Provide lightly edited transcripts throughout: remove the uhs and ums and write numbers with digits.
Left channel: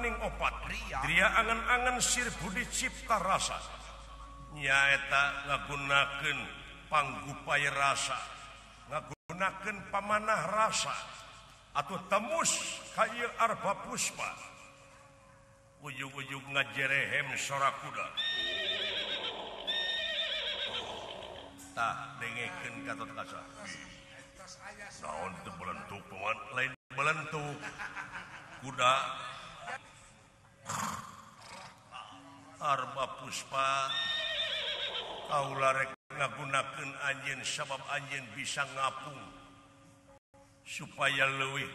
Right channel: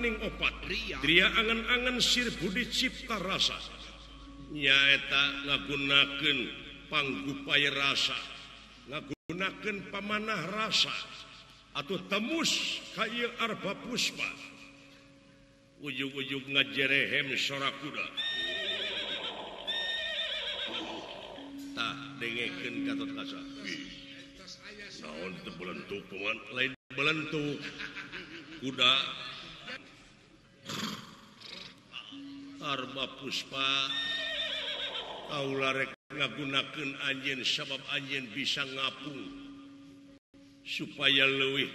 maning opat Dria angan-angan sir budi cipta rasa nyaeta ngagunakeun panggupaya rasa ngagunakeun pamanah rasa atuh temus kaya arba puspa ujug-ujug ngajerehem sora kuda tah dengekeun katot kasa naon teu belentuk paman lain belentuk kuda arba puspa kaula rek ngagunakeun anjeun sabab anjeun bisa ngapung supaya leuwih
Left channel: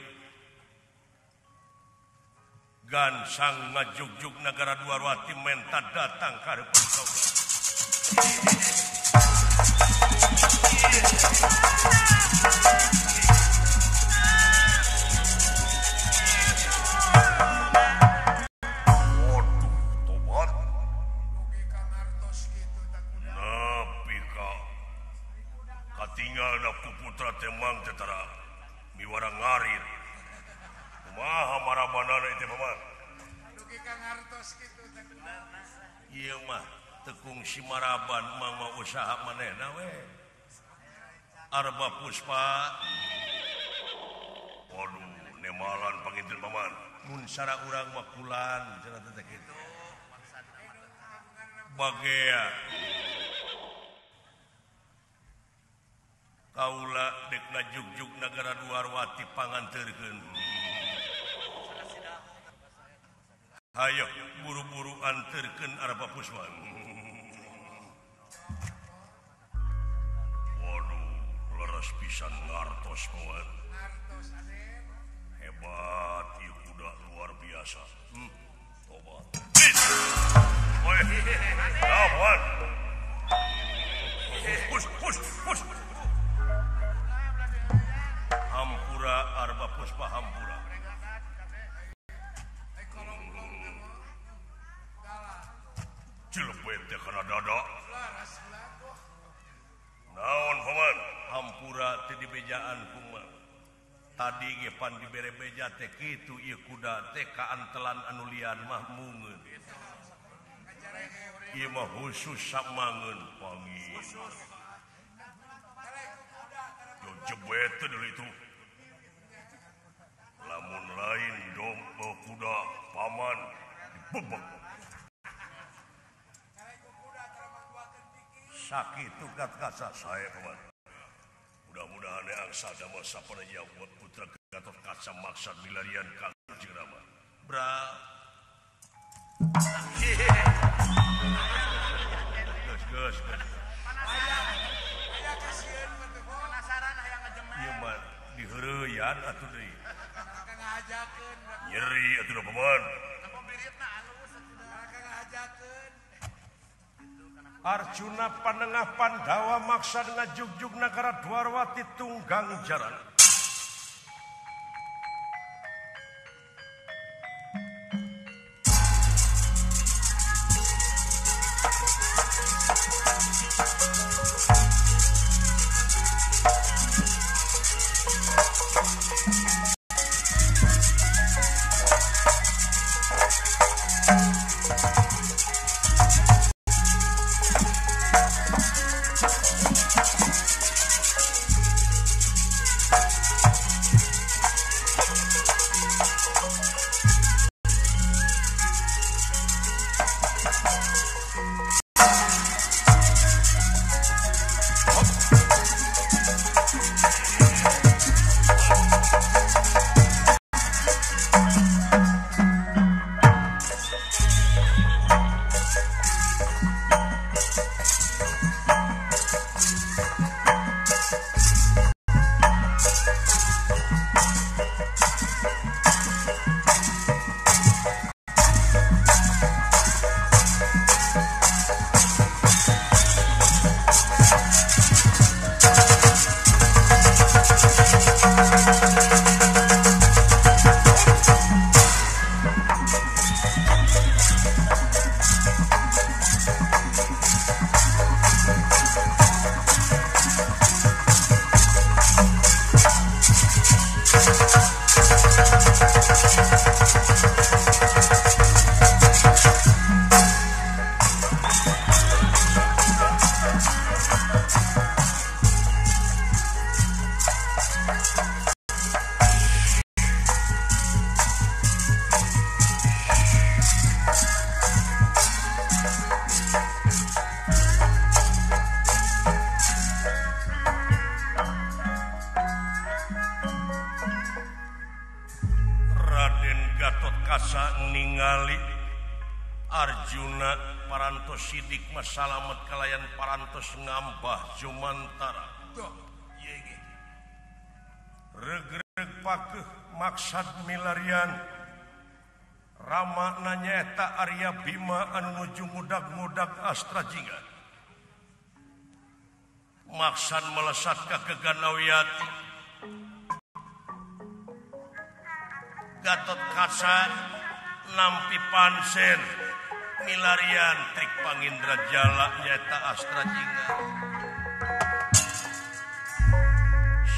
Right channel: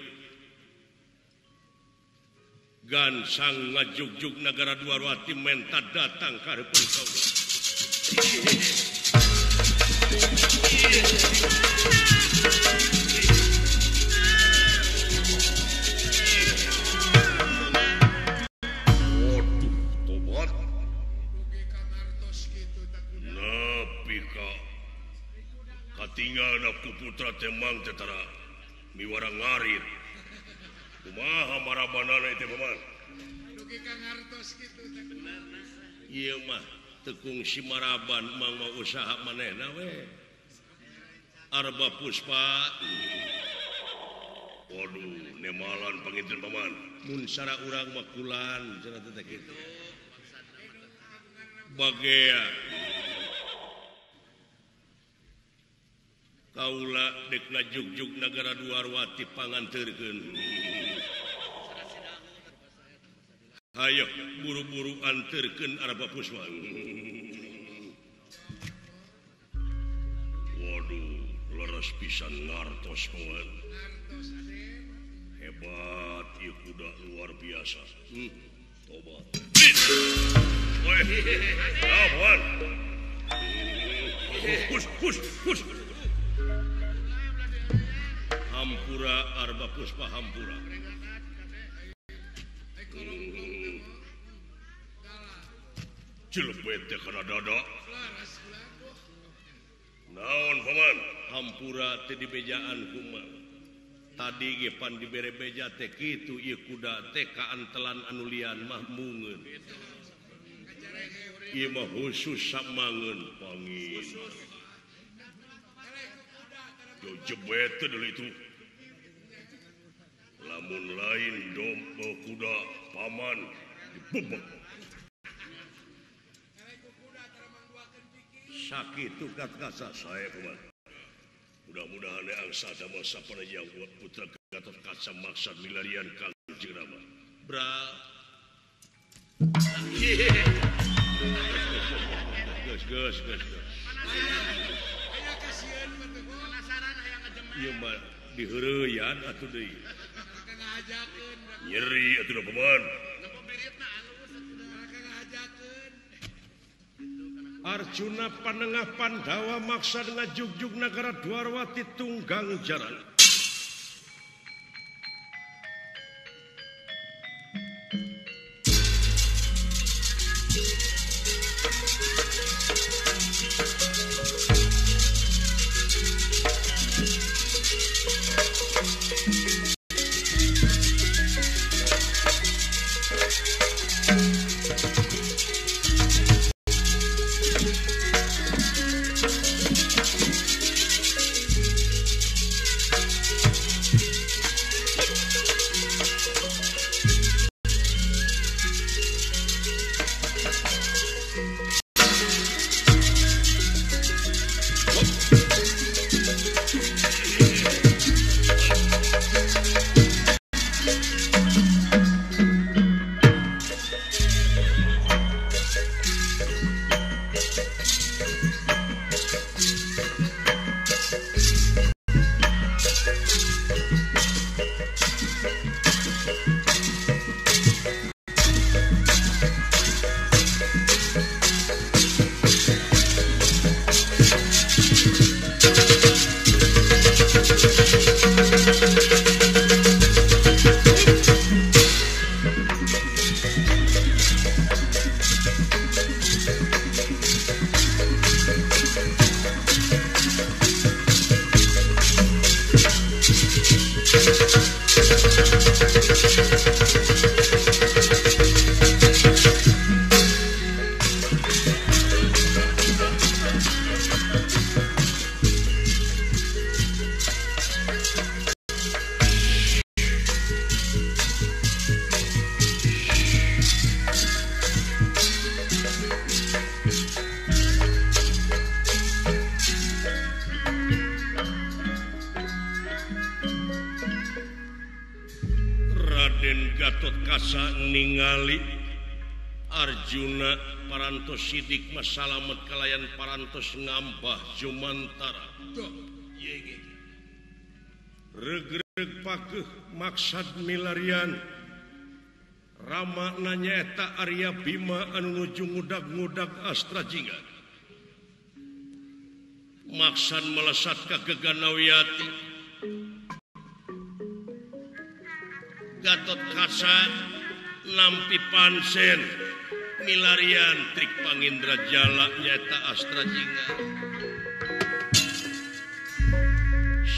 gansang ngajugjug nagara Dwarwati menta datang ka hareupeun kaula tinggalna puputra temang tetara miwara ngarit kumaha marabanana teh paman dugi Kang Hartos kitu teh benerna ieu mah tekung si maraban mang mau usaha manehna we arba puspa waduh nemalan panginten paman mun sara urang mah kulan cenah teh kitu bagea kaula dek ngajugjug nagara Dwarwati panganterkeun hayo buru-buru anterkeun arba puspa waduh leres pisan ngartos paman hebat ieu kuda luar biasa tobat weh lawan push hampura arba puspa hampura cilepet teh kana dada naon paman hampura teh dibejaan kumaha tadi ge pan dibere beja teh kitu ieu kuda teh kaantelan anu lian mah mungeun ieu mah khusus samangeun pangin yo jebet teh deuleu itu lamun lain domba kuda paman dibebek sakitu kasa saya paman mudah-mudahan angsa damel sapanajang putra Gatot Kaca maksad milarian Kangjeng Rama bra gus ieu mah diheureuyaan atuh deui nyeri atuh paman Arjuna panengah Pandawa maksad ngajugjug nagara Dwarwati tunggang jaran kasa ningali Arjuna parantos sidik masalamet kalayan parantos ngambah Jumantara regreg pakeuh maksad milarian Rama nanyata Arya Bima anu nuju ngudag-ngudag Astra Jingga maksad melesat ka Geganawiyati Gatot Kaca nampi pansen milarian trik Pangindra Jala nyata Astra Jingga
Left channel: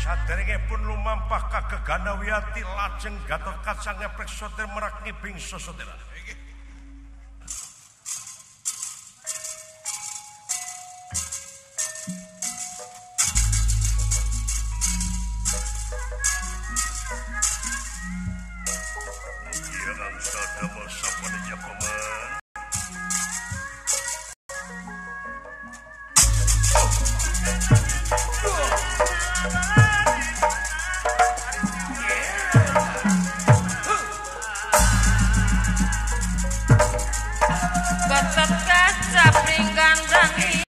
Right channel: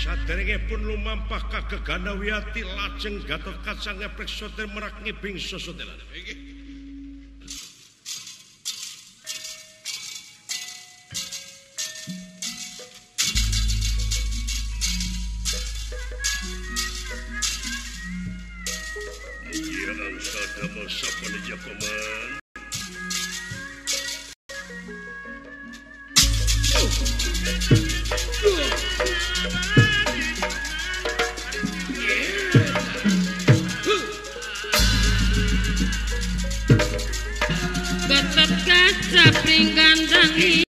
saderenge pun lumampah ka Geganawiyati lajeng Gatot Kaca ngeprek soter merak ngibing sosotera Gatot Kaca pringgandang